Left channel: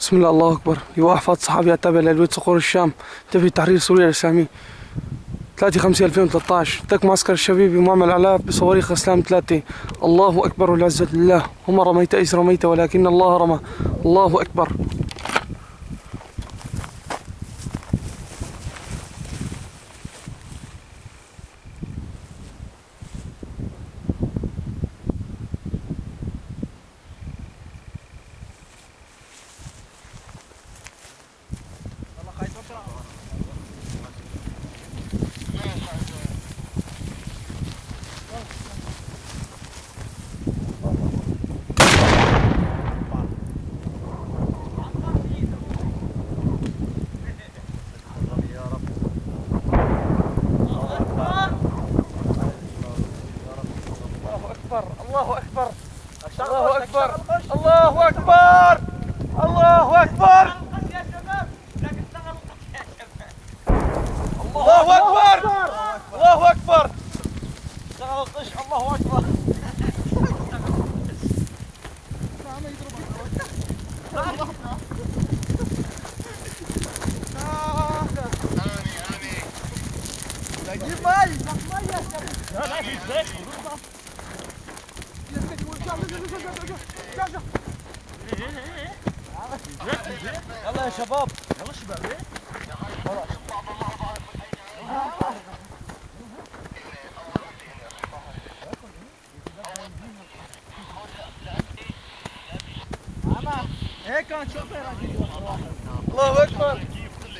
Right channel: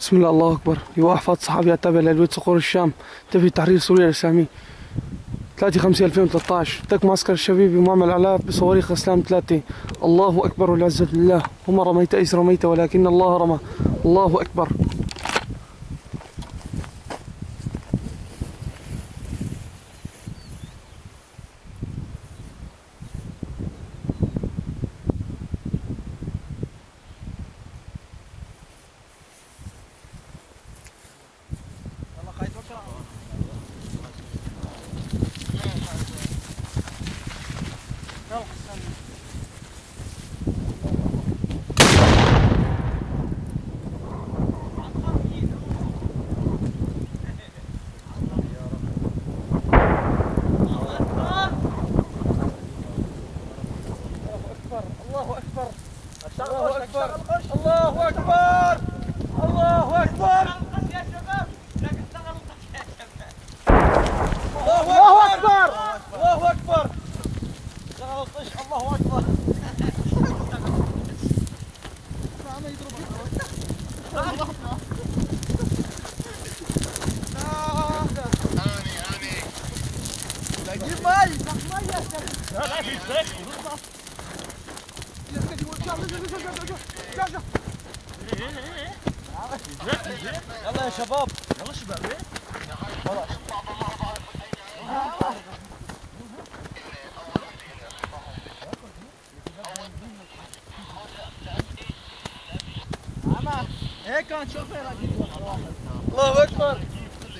بسم الله الله أكبر. لواء أحفاد صحابي التابع للبيت صقور الشام، تبي تحرير سوريا الإسلامي 3/5/2013. تك معسكر الشبيبي ومعمل علاء بصواريخ إسلام 3. الله أكبر والعزة لله. وما رميت إذ رميت ولكن الله رمى. الله أكبر. الله أكبر. الله أكبر. الله أكبر. الله أكبر. يا شباب لكن اشتغل يا شباب. الله أكبر. الله أكبر. اشتغل القش. الله أكبر. ما يضرب. جيب مي. مي يا شباب. لا في زيت. يلا يا شباب. يلا شباب. خلاص. هيك كان شوفير اكيد واحد. الله اكبر.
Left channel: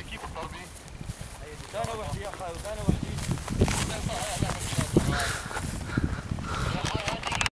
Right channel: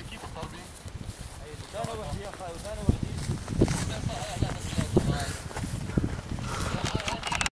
كيف الضربه؟ ثاني وحدي يا اخي وثاني وحدي.